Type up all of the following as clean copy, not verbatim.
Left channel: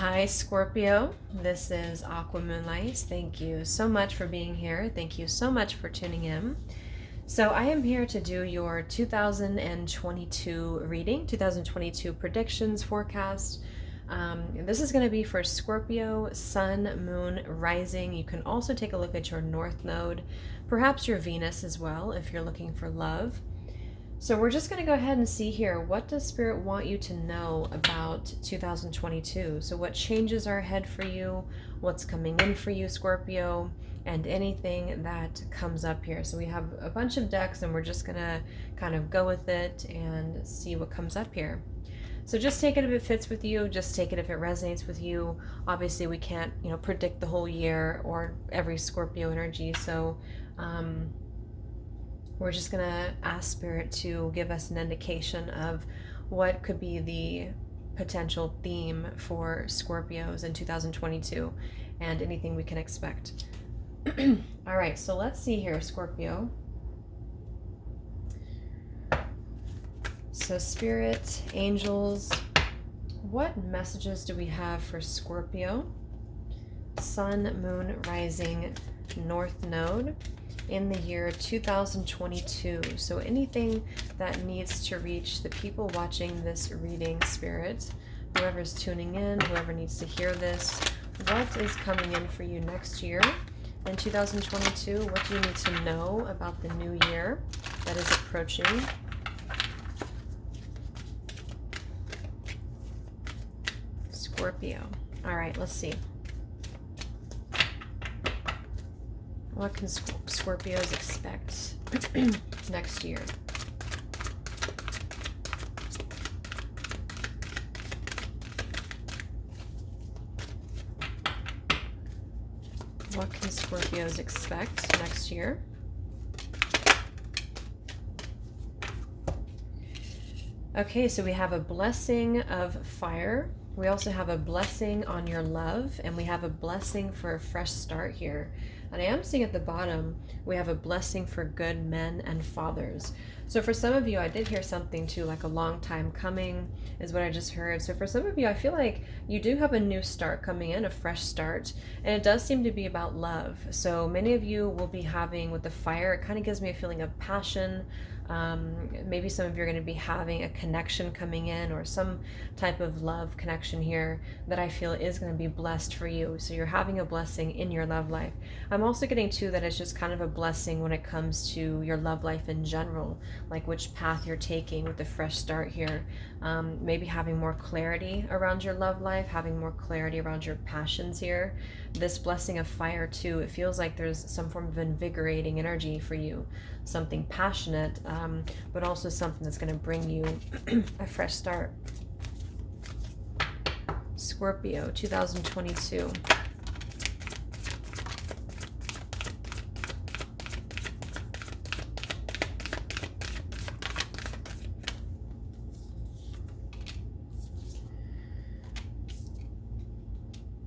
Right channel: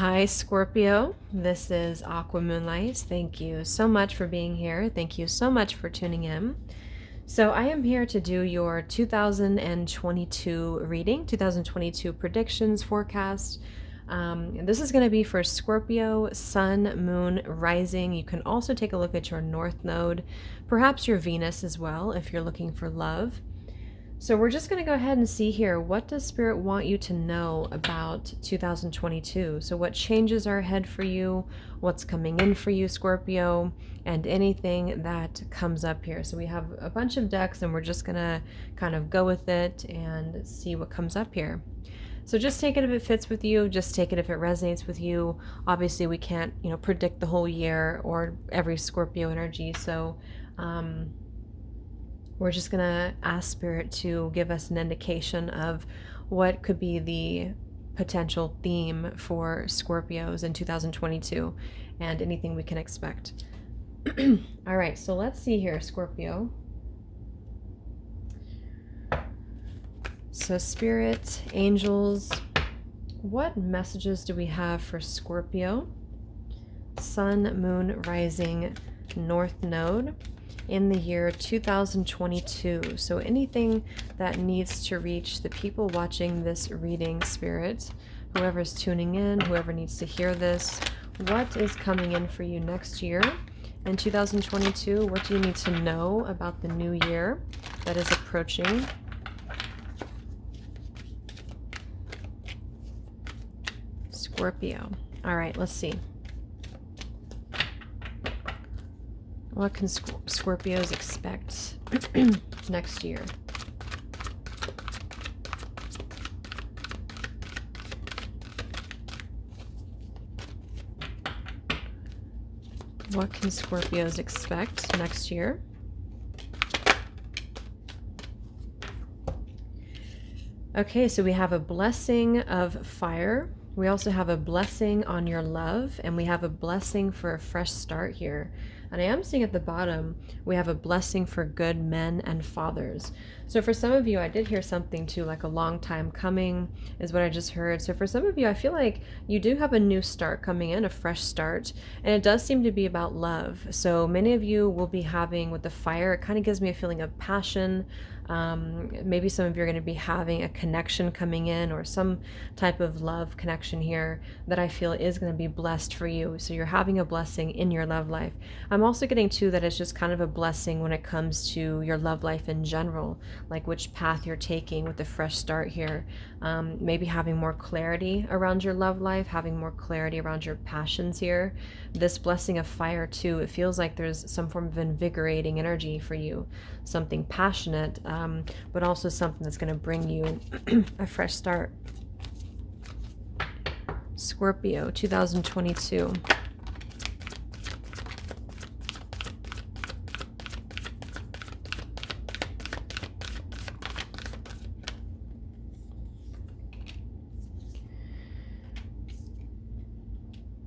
Hi, Scorpio. This is Aqua Moonlight. Thank you so much for being here. Thank you so much for tuning in. So, I am here to do your 2022 reading, 2022 predictions forecast. This is going to be for Scorpio, Sun, Moon, Rising. You can also take a look at your North Node, perhaps your Venus as well, if you're looking for love. So we're just going to go ahead and see here, what does Spirit want you to know about 2022? So what changes are ahead for you, what's coming in for you, Scorpio, and anything that comes up here. So we have a bunch of decks and we're just going to kind of go with it and see what comes up here. So just take it if it fits with you, just take it if it resonates with you. Obviously we can't, predict the whole year or every Scorpio energy. So we're just going to ask Spirit to give us an indication of what could be the potential theme for Scorpios in 2022 and anything we can expect. All right, so let's see here, Scorpio. So Spirit, angels, what messages do we have for Scorpio? Sun, Moon, Rising, North Node in the year 2022. So anything that needs to reach the people watching this reading, Spirit, whoever's tuning in, whoever needs to hear this, what is coming in for you next year in 2022? What do you need to know about the new year that is approaching? Scorpio. All right, let's see. What can Scorpios expect next year? What can Scorpios expect next year? Okay, so we have a blessing of fire. We also have a blessing on your love, and we have a blessing for a fresh start here. And I am seeing at the bottom, we have a blessing for good men and fathers. So for some of you, I did hear something too, like a long time coming is what I just heard. So for some of you, I feel like you do have a new start coming in, a fresh start. And it does seem to be about love. So many of you will be having, with the fire, it kind of gives me a feeling of passion. Maybe some of you are going to be having a connection coming in, or some type of love connection here that I feel is going to be blessed for you. So you're having a blessing in your love life. I'm also getting too that it's just kind of a blessing when it comes to your love life in general, like which path you're taking with the fresh start here. Maybe having more clarity around your love life, having more clarity around your passions here. This blessing of fire too, it feels like there's some form of invigorating energy for you, something passionate, but also something that's going to bring you a fresh start. Scorpio, 2022.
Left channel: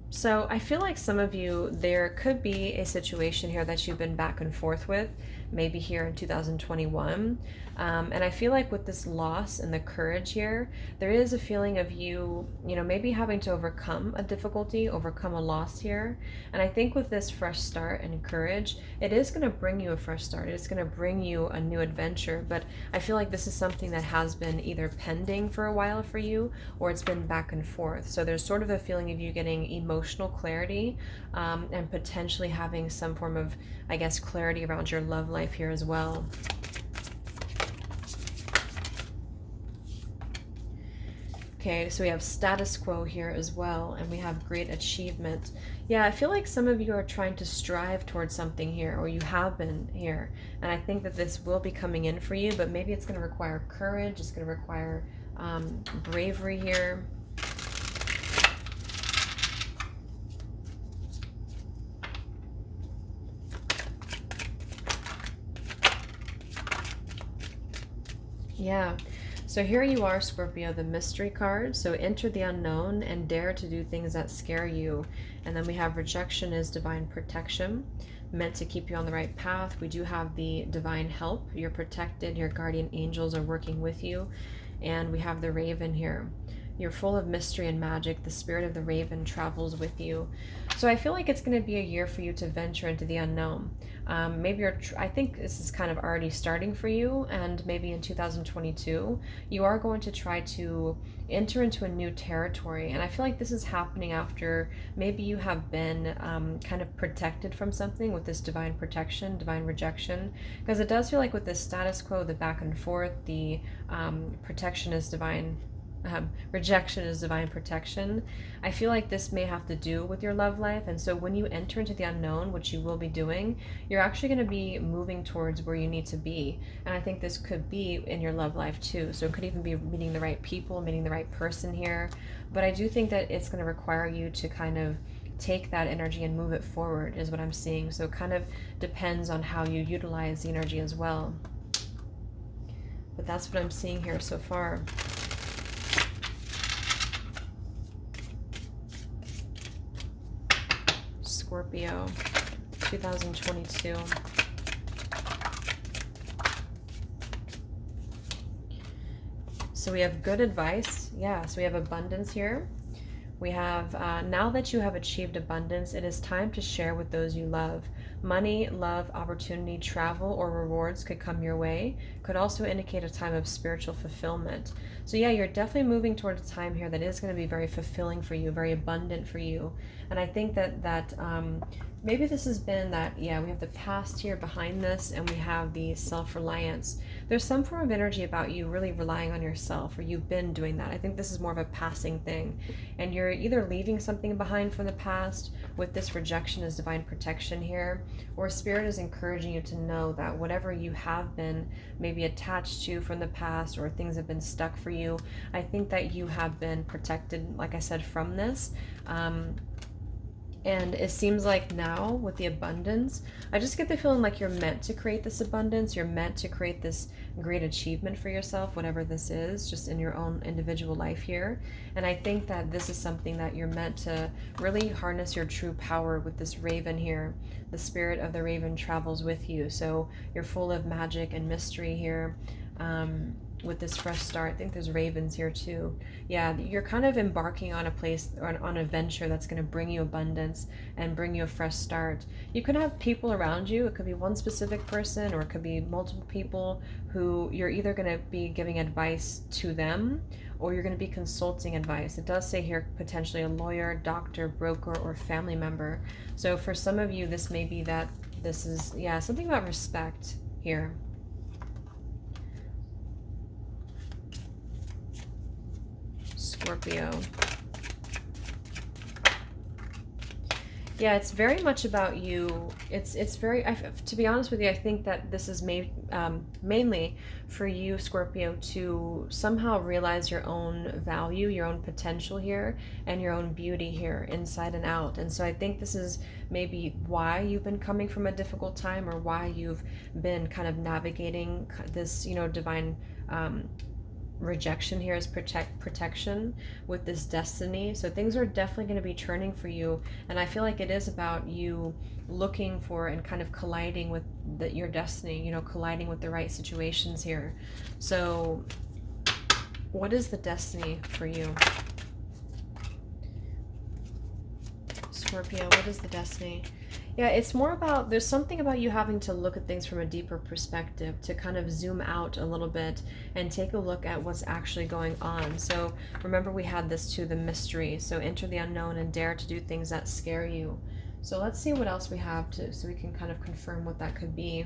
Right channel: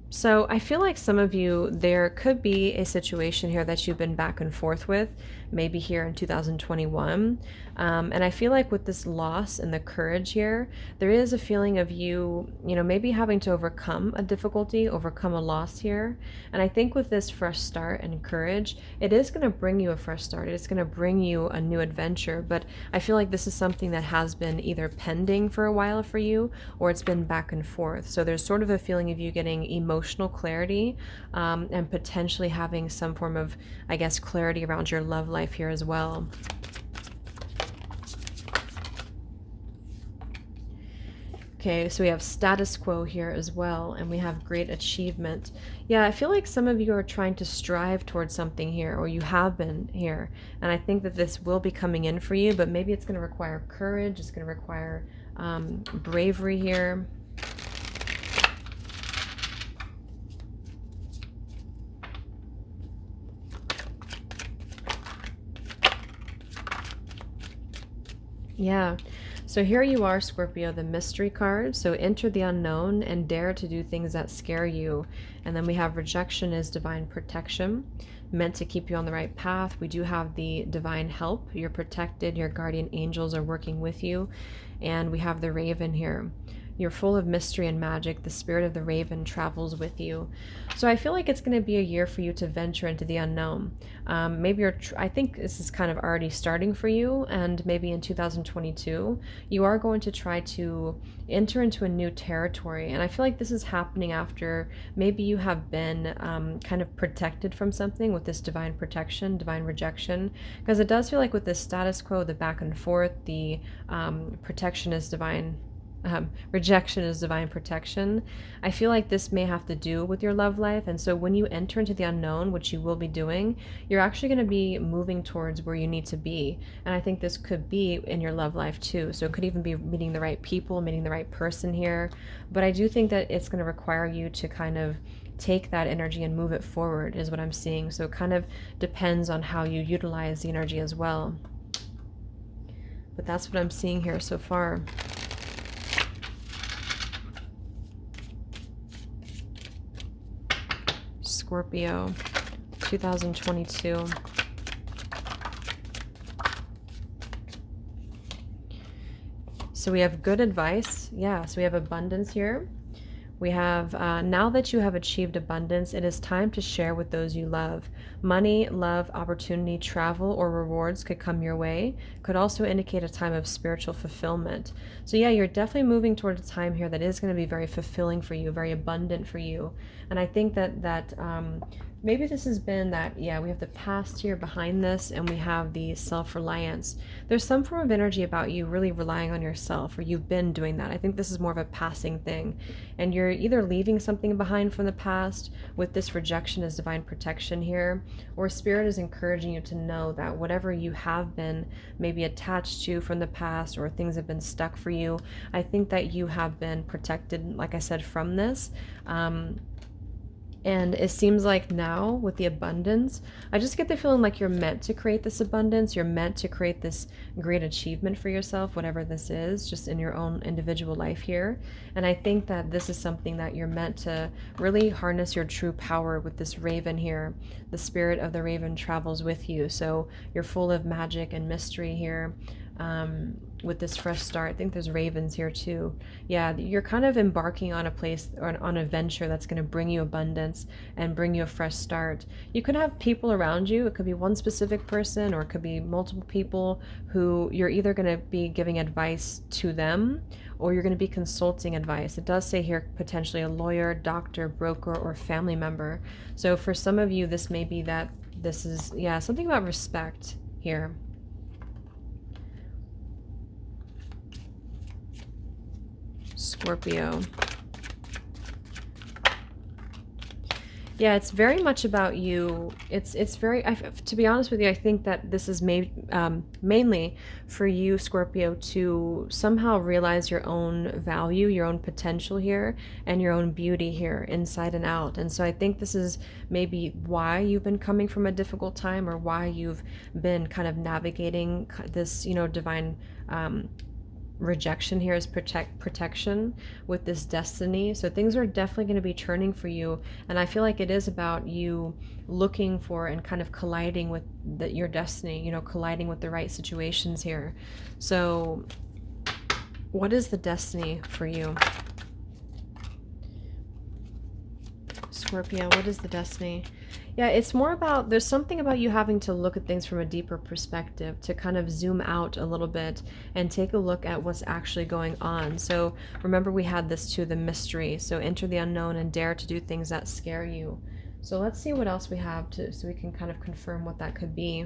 So I feel like some of you, there could be a situation here that you've been back and forth with, maybe here in 2021. And I feel like with this loss and the courage here, there is a feeling of you, maybe having to overcome a difficulty, overcome a loss here. And I think with this fresh start and courage, it is going to bring you a fresh start. It's going to bring you a new adventure. But I feel like this is something that has been either pending for a while for you, or it's been back and forth. So there's sort of a feeling of you getting emotional clarity, and potentially having some form of, I guess, clarity around your love life here as well. Okay, so we have status quo here as well, and we have great achievement. Yeah, I feel like some of you are trying to strive towards something here, or you have been here, and I think that this will be coming in for you, but maybe it's going to require courage, it's going to require bravery here. Yeah. So here you are, Scorpio, the mystery card. So enter the unknown and dare to do things that scare you. And then we have rejection is divine protection, meant to keep you on the right path. We do have the divine help. You're protected. Your guardian angels are working with you. And we have the raven here. You're full of mystery and magic. The spirit of the raven travels with you. So I feel like it's going to be a year for you to venture into the unknown. Maybe I think this is kind of already starting for you, and maybe in 2022, you are going to try to enter into a new territory. And I feel like this is happening after maybe you have been kind of protected from something with this divine protection, divine rejection, because it does feel like with this status quo, the back and forth, the protection is divine. Rejection is divine protection. I feel like this may have to do with your love life. And so when you enter into the unknown, which you will be doing, you're actually going to be moving towards where you need to be. And I think this could be in your love life too. So it could even be meeting the right people, meeting the right person here. But I do think that it's going to require you to kind of take that energy and move it forward, is what I'm seeing. So it kind of depends on how you utilize the energy as well. But that's what I'm seeing here so far. Scorpio, 2022. So we have good advice. Yeah, so we have abundance here. We have, now that you have achieved abundance, it is time to share with those you love. Money, love, opportunity, travel, or rewards could come your way. Could also indicate a time of spiritual fulfillment. So yeah, you're definitely moving toward a time here that is going to be very fulfilling for you, very abundant for you. And I think that maybe this has been that, yeah, we have the past here behind this, and we have the self-reliance. There's some form of energy about you really relying on yourself, or you've been doing that. I think this is more of a passing thing. And you're either leaving something behind from the past with this rejection as divine protection here, or Spirit is encouraging you to know that whatever you have been maybe attached to from the past, or things have been stuck for you, I think that you have been protected, like I said, from this. And it seems like now with the abundance, I just get the feeling like you're meant to create this abundance. You're meant to create this great achievement for yourself, whatever this is, just in your own individual life here. And I think that this is something that you're meant to really harness your true power with this raven here. The spirit of the raven travels with you. So you're full of magic and mystery here. With this fresh start, I think there's ravens here too. Yeah, you're kind of embarking on a place, or on a venture that's going to bring you abundance and bring you a fresh start. You could have people around you. It could be one specific person, or it could be multiple people who you're either going to be giving advice to them, or you're going to be consulting advice. It does say here potentially a lawyer, doctor, broker, or family member. So for some of you, this may be that this is, yeah, something about respect here. Scorpio. Yeah, it's very much about you. It's very, to be honest with you, I think that this is mainly for you, Scorpio, to somehow realize your own value, your own potential here, and your own beauty here, inside and out. And so I think this is maybe why you've been coming from a difficult time, or why you've been kind of navigating this, divine rejection here is protection with this destiny. So things are definitely going to be turning for you, and I feel like it is about you looking for and kind of colliding with your destiny, colliding with the right situations here. So what is the destiny for you, Scorpio? What is the destiny? Yeah, it's more about, there's something about you having to look at things from a deeper perspective, to kind of zoom out a little bit and take a look at what's actually going on. So remember, we had this too, the mystery. So enter the unknown and dare to do things that scare you. So let's see what else we have so we can kind of confirm what that could be.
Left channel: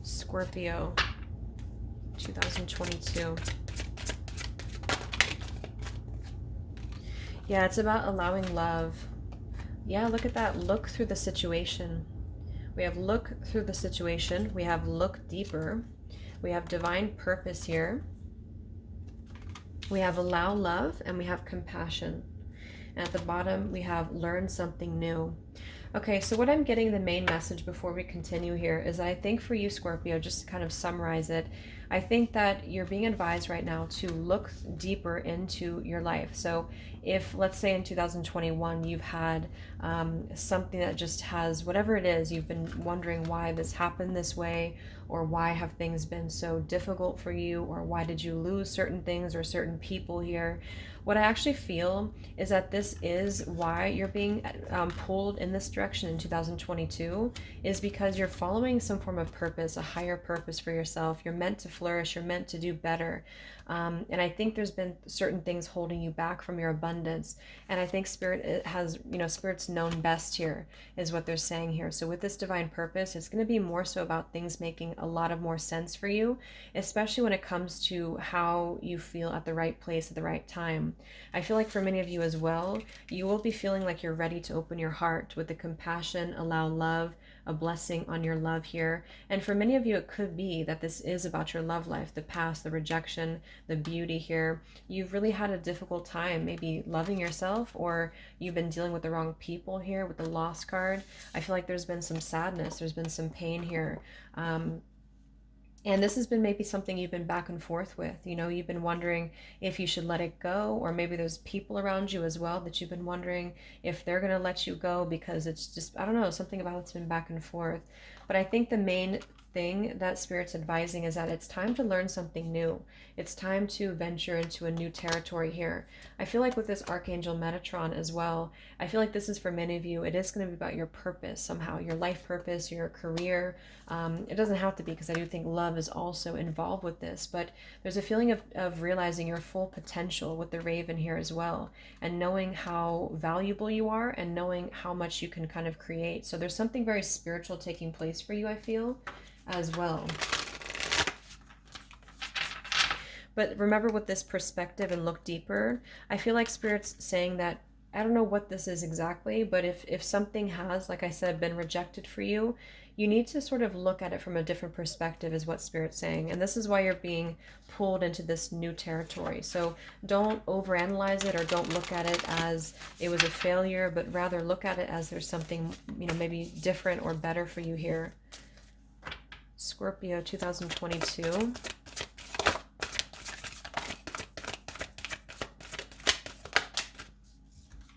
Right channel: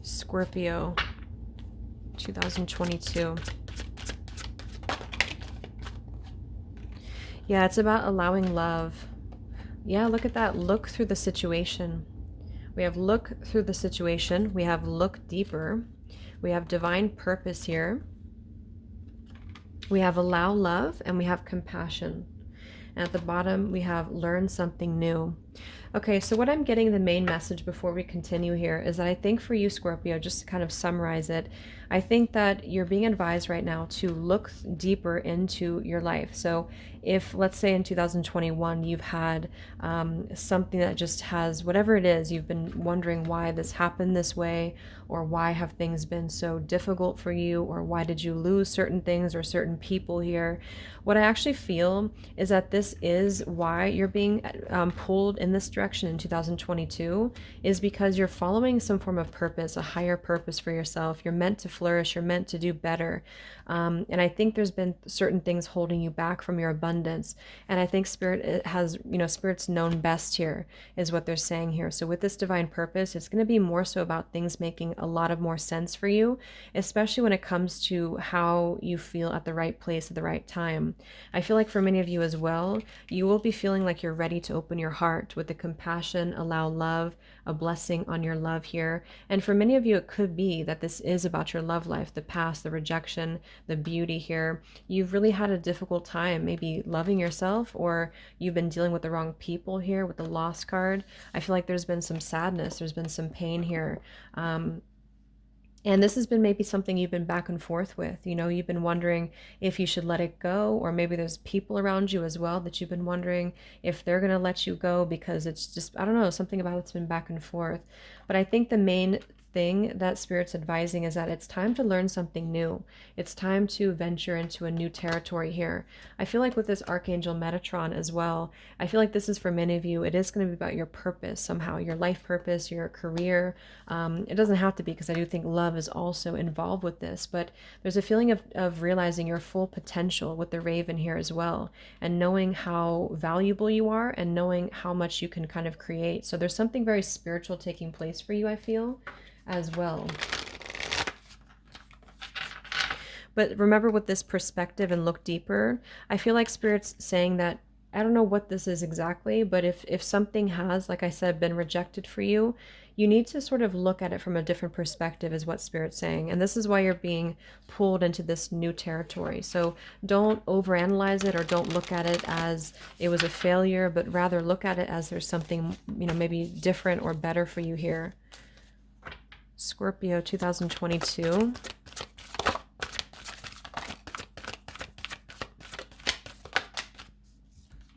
Scorpio, 2022. Yeah, it's about allowing love. Yeah, look at that. Look through the situation. We have look through the situation. We have look deeper. We have divine purpose here. We have allow love, and we have compassion. And at the bottom, we have learn something new. Okay, so what I'm getting, the main message before we continue here, is that I think for you, Scorpio, just to kind of summarize it, I think that you're being advised right now to look deeper into your life. So if, let's say in 2021, you've had something that just has whatever it is, you've been wondering why this happened this way, or why have things been so difficult for you, or why did you lose certain things or certain people here. What I actually feel is that this is why you're being pulled in this direction in 2022, is because you're following some form of purpose, a higher purpose for yourself. You're meant to flourish, you're meant to do better. And I think there's been certain things holding you back from your abundance. And I think Spirit has, Spirit's known best here, is what they're saying here. So with this divine purpose, it's going to be more so about things making a lot of more sense for you, especially when it comes to how you feel at the right place at the right time. I feel like for many of you as well, you will be feeling like you're ready to open your heart with the compassion, allow love, a blessing on your love here. And for many of you, it could be that this is about your love life, the past, the rejection, the beauty here. You've really had a difficult time maybe loving yourself, or you've been dealing with the wrong people here with the lost card. I feel like there's been some sadness, there's been some pain here. And this has been maybe something you've been back and forth with. You've been wondering if you should let it go, or maybe there's people around you as well that you've been wondering if they're going to let you go, because it's just, I don't know, something about it's been back and forth. But I think the main thing that Spirit's advising is that it's time to learn something new. It's time to venture into a new territory here. I feel like with this Archangel Metatron as well, I feel like this is for many of you, it is going to be about your purpose somehow, your life purpose, your career. It doesn't have to be, because I do think love is also involved with this, but there's a feeling of realizing your full potential with the Raven here as well, and knowing how valuable you are, and knowing how much you can kind of create. So there's something very spiritual taking place for you, I feel, as well. But remember, with this perspective and look deeper, I feel like Spirit's saying that, I don't know what this is exactly, but if something has, like I said, been rejected for you, you need to sort of look at it from a different perspective, is what Spirit's saying. And this is why you're being pulled into this new territory. So don't overanalyze it, or don't look at it as it was a failure, but rather look at it as there's something, maybe different or better for you here. Scorpio 2022.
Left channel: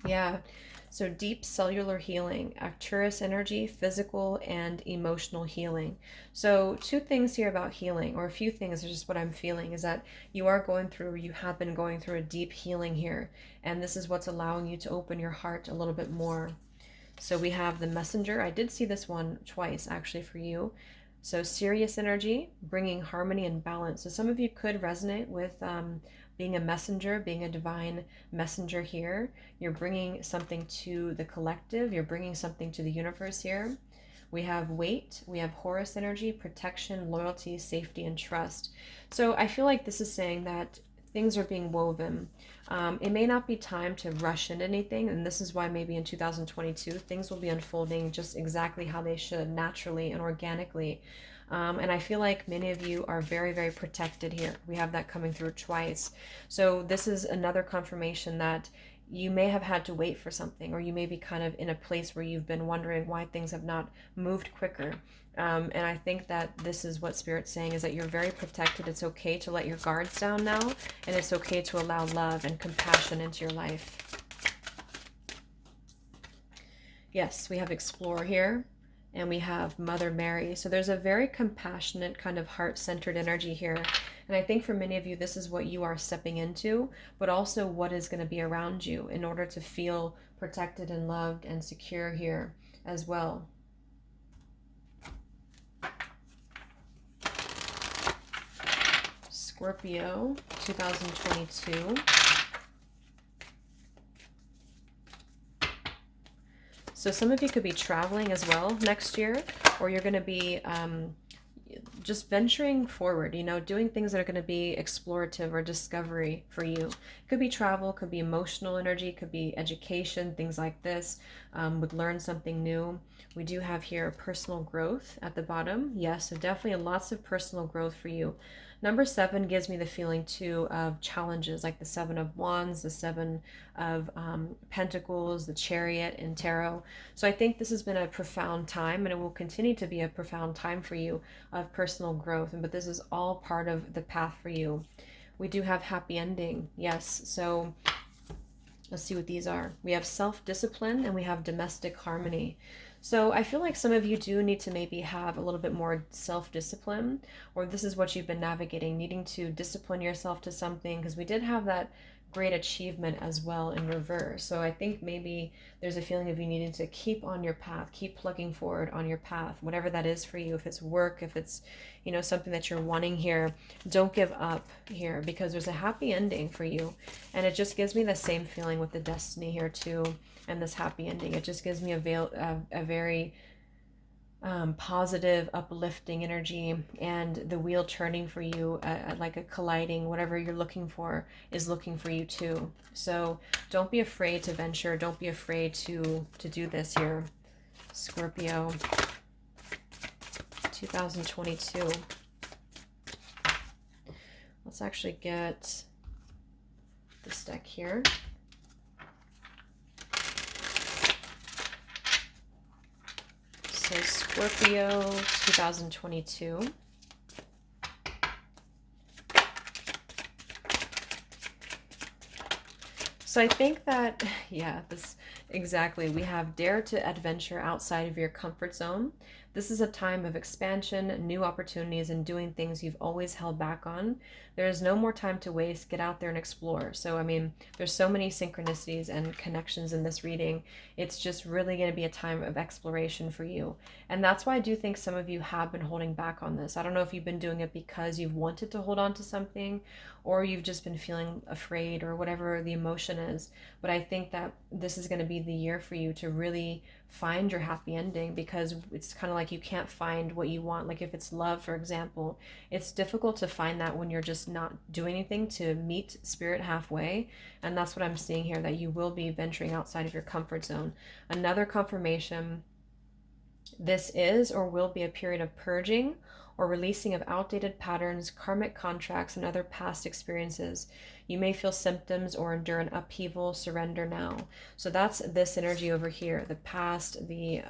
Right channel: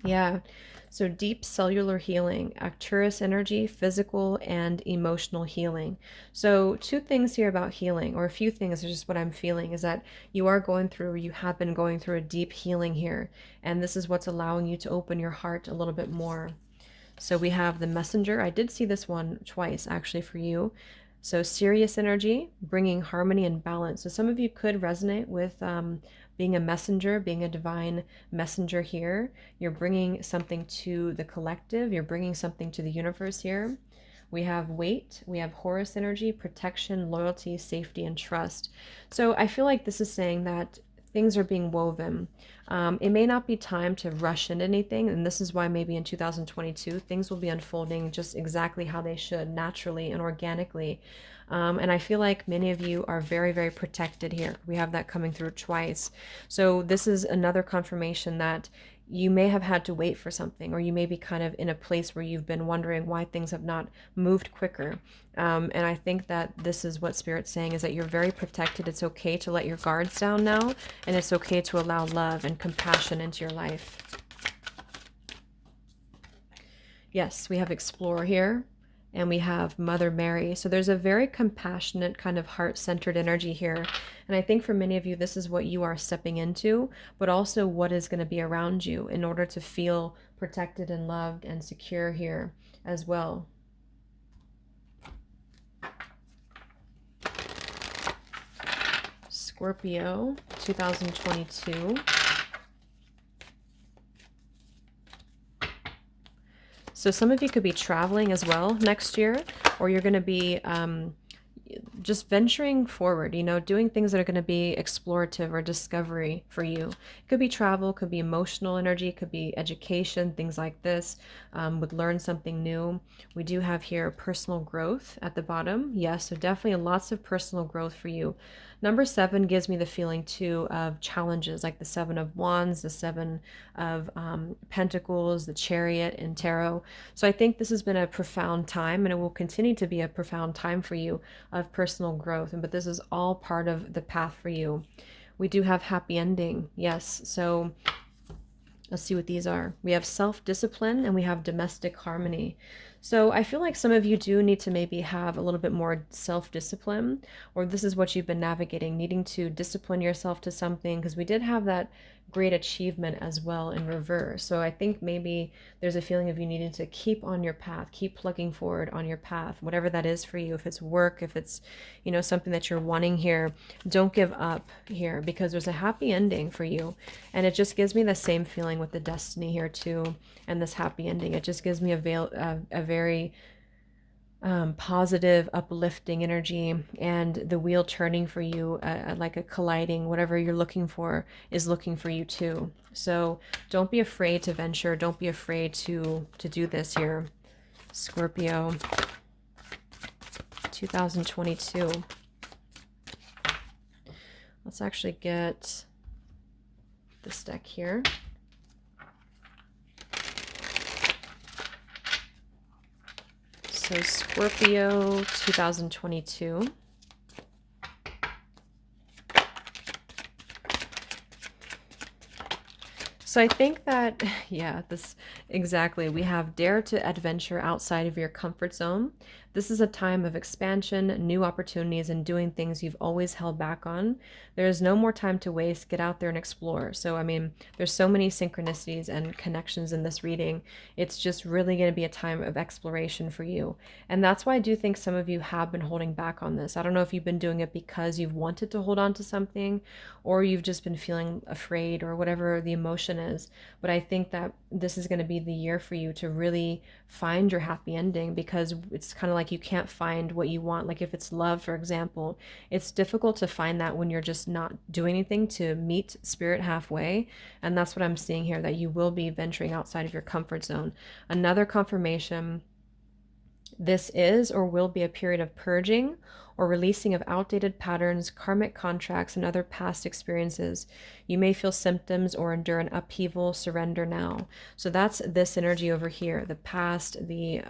Yeah. So deep cellular healing, Arcturus energy, physical and emotional healing. So two things here about healing, or a few things, is just what I'm feeling, is that you are going through, or you have been going through a deep healing here. And this is what's allowing you to open your heart a little bit more. So we have the Messenger. I did see this one twice actually for you. So Sirius energy, bringing harmony and balance. So some of you could resonate with being a messenger, being a divine messenger here. You're bringing something to the collective. You're bringing something to the universe here. We have weight. We have Horus energy, protection, loyalty, safety, and trust. So I feel like this is saying that things are being woven. It may not be time to rush into anything, and this is why maybe in 2022 things will be unfolding just exactly how they should, naturally and organically. And I feel like many of you are very, very protected here. We have that coming through twice. So this is another confirmation that you may have had to wait for something, or you may be kind of in a place where you've been wondering why things have not moved quicker. And I think that this is what Spirit's saying, is that you're very protected. It's okay to let your guards down now, and it's okay to allow love and compassion into your life. Yes, we have Explorer here, and we have Mother Mary. So there's a very compassionate, kind of heart-centered energy here. And I think for many of you, this is what you are stepping into, but also what is going to be around you in order to feel protected and loved and secure here as well. Scorpio 2022. So some of you could be traveling as well next year, or you're going to be just venturing forward, doing things that are going to be explorative or discovery for you. Could be travel, could be emotional energy, could be education, things like this. Would learn something new. We do have here personal growth at the bottom. Yes, so definitely lots of personal growth for you. Number 7 gives me the feeling too of challenges, like the 7 of Wands, the 7 of Pentacles, the Chariot in Tarot. So I think this has been a profound time, and it will continue to be a profound time for you of personal growth. But this is all part of the path for you. We do have happy ending. Yes. So Let's see what these are. We have self-discipline and we have domestic harmony. So I feel like some of you do need to maybe have a little bit more self-discipline, or this is what you've been navigating, needing to discipline yourself to something, because we did have that great achievement as well in reverse. So I think maybe there's a feeling of you needing to keep on your path, keep plugging forward on your path, whatever that is for you. If it's work, if it's, you know, something that you're wanting here, don't give up here, because there's a happy ending for you. And it just gives me the same feeling with the destiny here too, and this happy ending. It just gives me a very positive, uplifting energy, and the wheel turning for you, like a colliding, whatever you're looking for is looking for you too. So don't be afraid to venture. Don't be afraid to do this here, Scorpio. 2022. Let's actually get this deck here. So Scorpio 2022. So I think that, yeah, this exactly. We have dare to adventure outside of your comfort zone. This is a time of expansion, new opportunities, and doing things you've always held back on. There is no more time to waste. Get out there and explore. So, I mean, there's so many synchronicities and connections in this reading. It's just really going to be a time of exploration for you. And that's why I do think some of you have been holding back on this. I don't know if you've been doing it because you've wanted to hold on to something, or you've just been feeling afraid, or whatever the emotion is. But I think that this is going to be the year for you to really find your happy ending, because it's kind of like you can't find what you want. Like if it's love, for example, it's difficult to find that when you're just not doing anything to meet spirit halfway. And that's what I'm seeing here, that you will be venturing outside of your comfort zone. Another confirmation: this is or will be a period of purging or releasing of outdated patterns, karmic contracts, and other past experiences. You may feel symptoms or endure an upheaval. Surrender now. So that's this energy over here: the past, the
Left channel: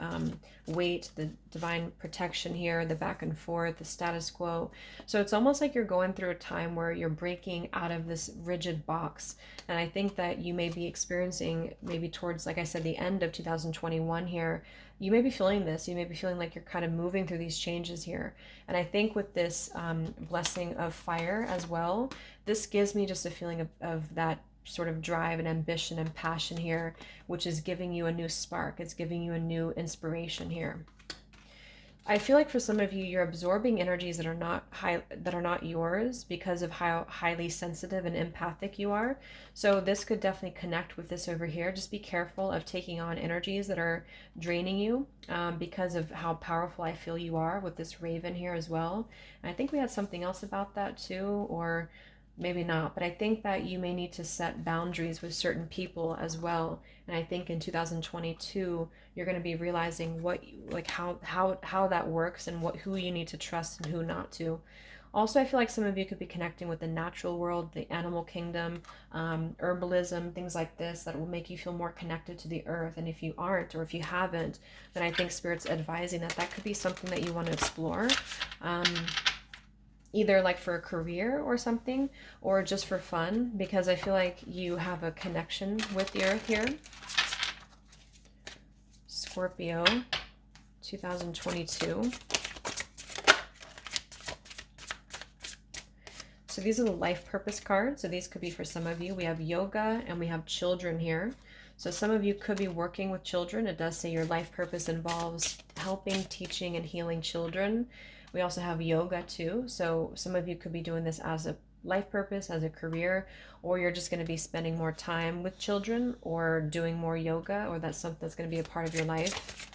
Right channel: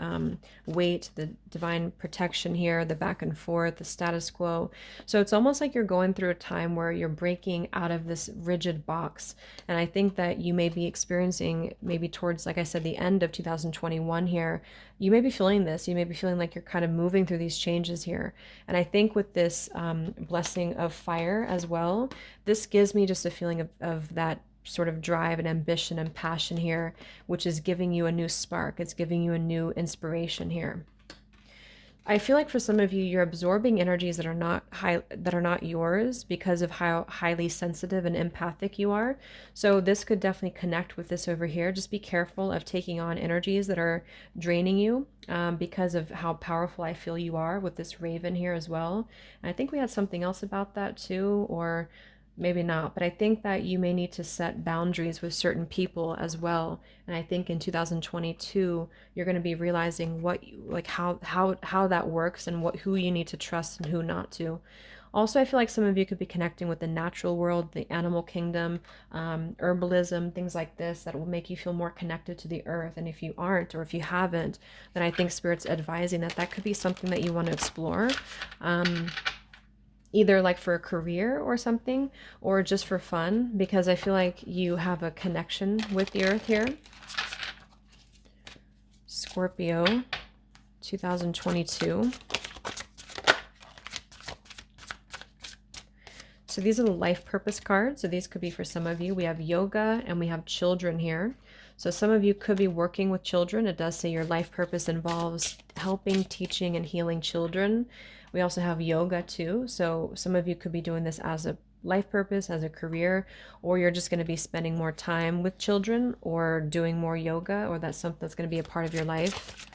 weight, the divine protection here, the back and forth, the status quo. So it's almost like you're going through a time where you're breaking out of this rigid box. And I think that you may be experiencing, maybe towards, like I said, the end of 2021 here, you may be feeling this. You may be feeling like you're kind of moving through these changes here. And I think with this blessing of fire as well, this gives me just a feeling of that sort of drive and ambition and passion here, which is giving you a new spark. It's giving you a new inspiration here. I feel like for some of you, you're absorbing energies that are not yours, because of how highly sensitive and empathic you are. So this could definitely connect with this over here. Just be careful of taking on energies that are draining you, because of how powerful I feel you are with this raven here as well. And I think we had something else about that too, or maybe not, but I think that you may need to set boundaries with certain people as well. And I think in 2022, you're going to be realizing what, like how that works, and who you need to trust and who not to. Also, I feel like some of you could be connecting with the natural world, the animal kingdom, herbalism, things like this, that will make you feel more connected to the earth. And if you aren't, or if you haven't, then I think Spirit's advising that that could be something that you want to explore. Either like for a career or something, or just for fun, because I feel like you have a connection with the earth here. Scorpio 2022. So these are the life purpose cards. So these could be for some of you. We have yoga and we have children here. So some of you could be working with children. It does say your life purpose involves helping, teaching, and healing children. We also have yoga too. So some of you could be doing this as a life purpose, as a career, or you're just going to be spending more time with children or doing more yoga, or that's something that's going to be a part of your life.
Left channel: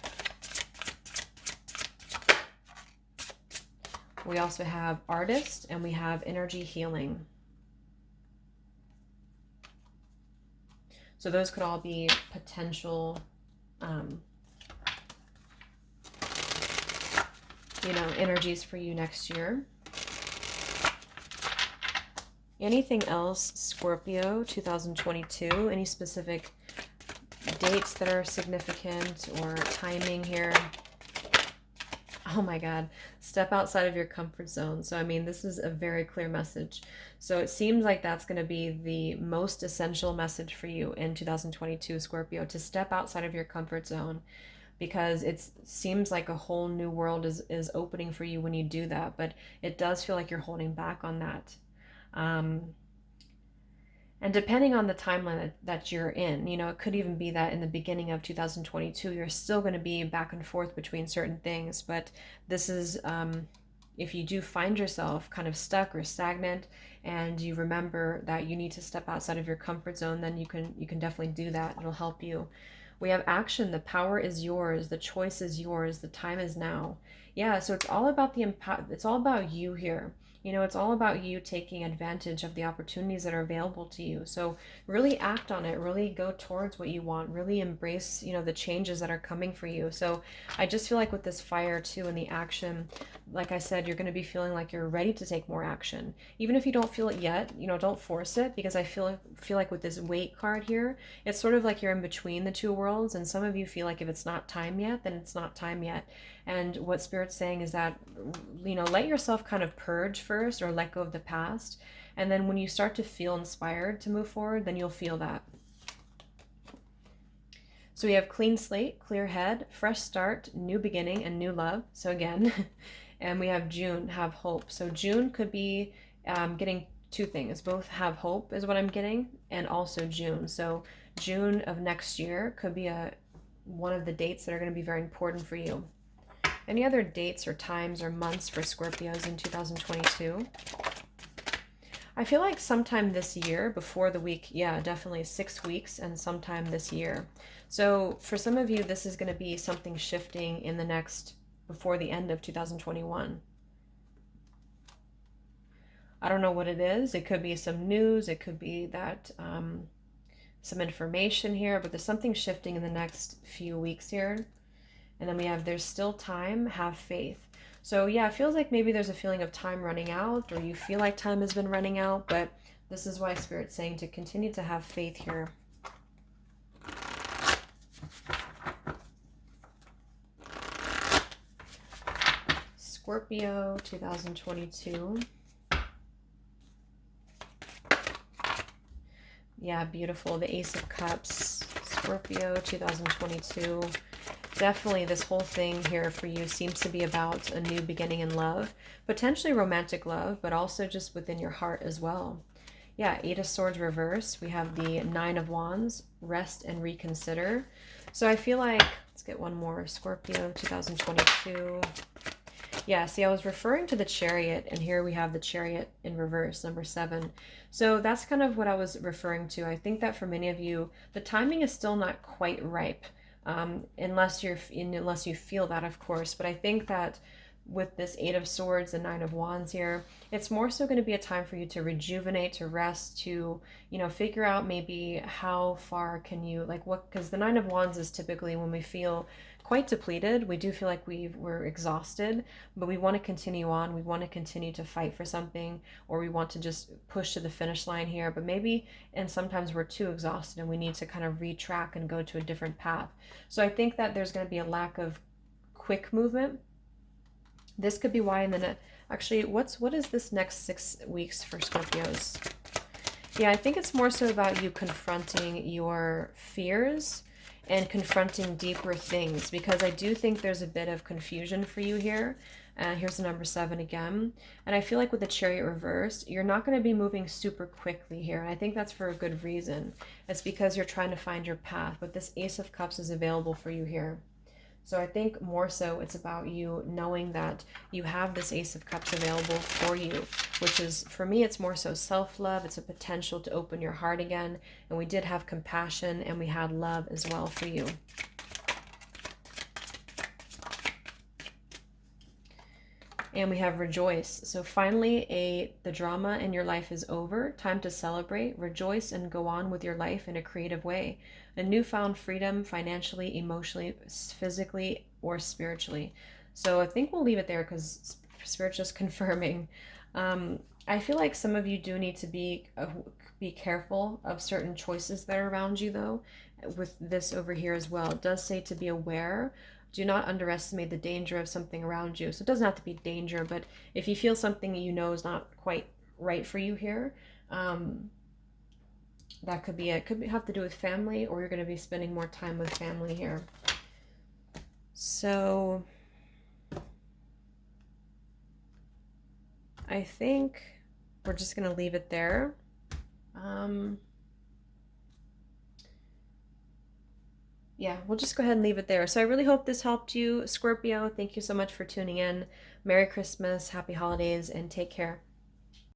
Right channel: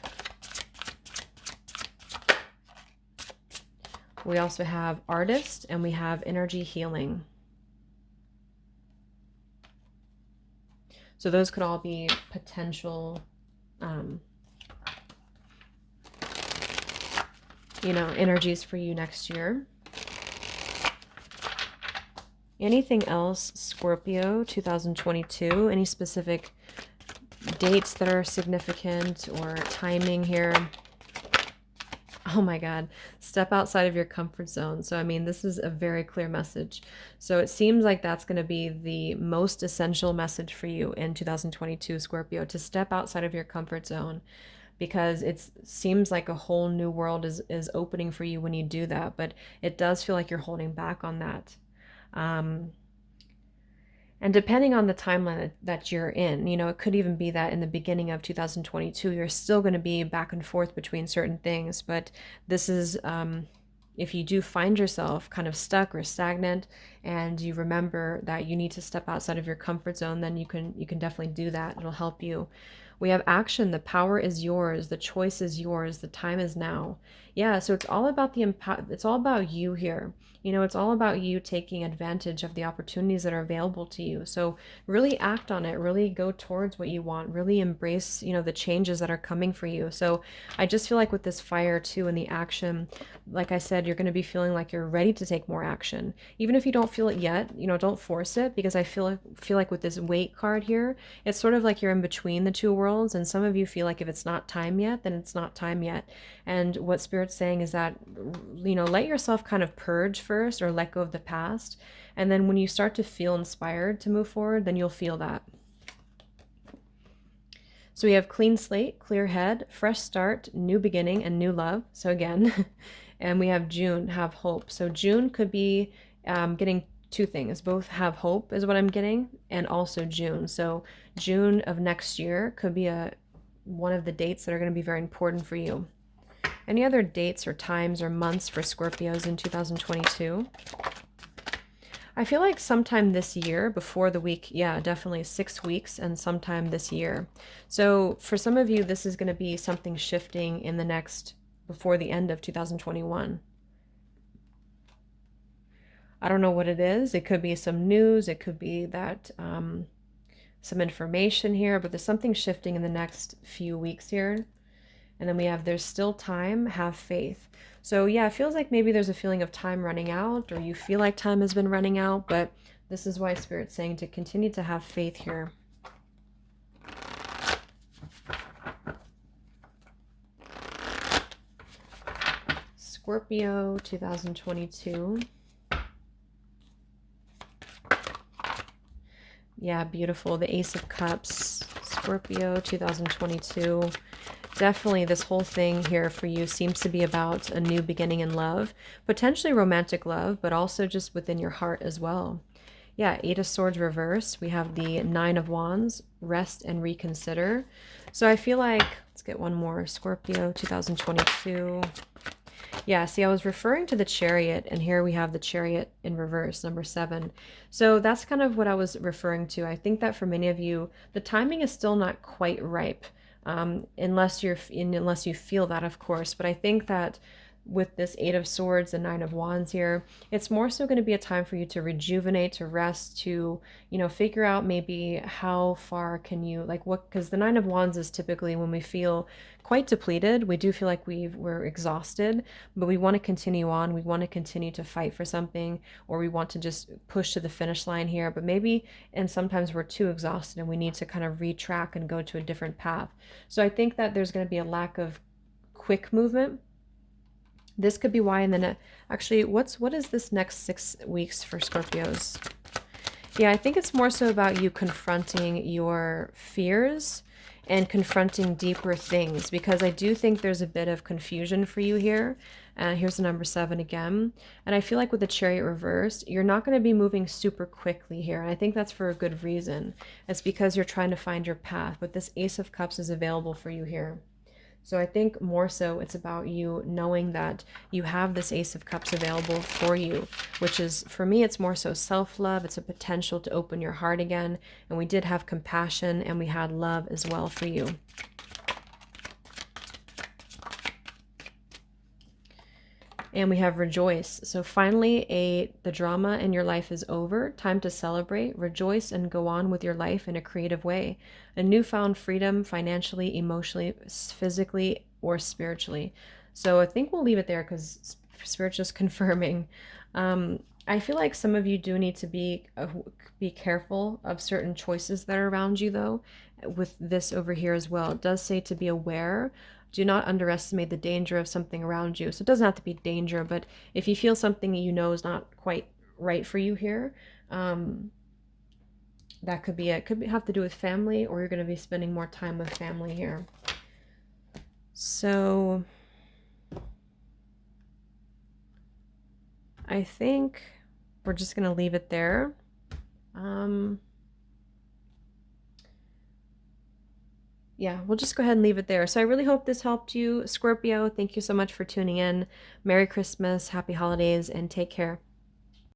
We also have artist and we have energy healing. So those could all be potential energies for you next year. Anything else, Scorpio 2022? Any specific dates that are significant or timing here? Oh my God, step outside of your comfort zone. So, I mean, this is a very clear message. So, it seems like that's going to be the most essential message for you in 2022, Scorpio, to step outside of your comfort zone, because it seems like a whole new world is opening for you when you do that. But it does feel like you're holding back on that. Um, and depending on the timeline that you're in, it could even be that in the beginning of 2022, you're still going to be back and forth between certain things. But this is, if you do find yourself kind of stuck or stagnant, and you remember that you need to step outside of your comfort zone, then you can definitely do that. It'll help you. We have action. The power is yours. The choice is yours. The time is now. Yeah, so it's all about the impact. It's all about you here. It's all about you taking advantage of the opportunities that are available to you. So really act on it, really go towards what you want, really embrace, the changes that are coming for you. So I just feel like with this fire too and the action, like I said, you're going to be feeling like you're ready to take more action. Even if you don't feel it yet, don't force it, because I feel like with this weight card here, it's sort of like you're in between the two worlds, and some of you feel like if it's not time yet, then it's not time yet. And what Spirit's saying is that, let yourself kind of purge first, or let go of the past. And then when you start to feel inspired to move forward, then you'll feel that. So we have clean slate, clear head, fresh start, new beginning, and new love. So again, and we have June, have hope. So June could be getting two things. Both have hope is what I'm getting, and also June. So June of next year could be one of the dates that are going to be very important for you. Any other dates or times or months for Scorpios in 2022? I feel like sometime this year, before the week, yeah, definitely 6 weeks, and sometime this year. So for some of you, this is going to be something shifting in the next, before the end of 2021. I don't know what it is. It could be some news. It could be that some information here, but there's something shifting in the next few weeks here. And then we have there's still time, have faith. So yeah, it feels like maybe there's a feeling of time running out, or you feel like time has been running out, but this is why Spirit's saying to continue to have faith here. Scorpio 2022. Yeah, beautiful. The Ace of Cups. Scorpio 2022. Definitely this whole thing here for you seems to be about a new beginning in love, potentially romantic love, but also just within your heart as well. Yeah, Eight of Swords reverse. We have the Nine of Wands, rest and reconsider. So I feel like, let's get one more. Scorpio 2022. Yeah, see, I was referring to the Chariot, and here we have the Chariot in reverse, number 7. So that's kind of what I was referring to. I think that for many of you, the timing is still not quite ripe, unless you feel that, of course. But I think that with this Eight of Swords and Nine of Wands here, it's more so going to be a time for you to rejuvenate, to rest, to, figure out maybe how far can you, like what, because the Nine of Wands is typically when we feel quite depleted. We do feel like we're exhausted, but we want to continue on. We want to continue to fight for something, or we want to just push to the finish line here. But maybe, and sometimes we're too exhausted and we need to kind of retrack and go to a different path. So I think that there's going to be a lack of quick movement. This could be why in the actually, what is this next 6 weeks for Scorpios? Yeah, I think it's more so about you confronting your fears and confronting deeper things, because I do think there's a bit of confusion for you here. Here's the number 7 again. And I feel like with the Chariot reverse, you're not going to be moving super quickly here. And I think that's for a good reason. It's because you're trying to find your path. But this Ace of Cups is available for you here. So I think more so it's about you knowing that you have this Ace of Cups available for you, which is, for me, it's more so self-love. It's a potential to open your heart again. And we did have compassion, and we had love as well for you. And we have rejoice. So finally, the drama in your life is over. Time to celebrate, rejoice, and go on with your life in a creative way. A newfound freedom, financially, emotionally, physically, or spiritually. So I think we'll leave it there, because Spirit's just confirming. I feel like some of you do need to be careful of certain choices that are around you, though, with this over here as well. It does say to be aware Do not underestimate the danger of something around you. So it doesn't have to be danger, but if you feel something you know is not quite right for you here, that could be it. It could have to do with family, or you're going to be spending more time with family here. So I think we're just going to leave it there. Yeah, we'll just go ahead and leave it there. So I really hope this helped you, Scorpio. Thank you so much for tuning in. Merry Christmas, happy holidays, and take care.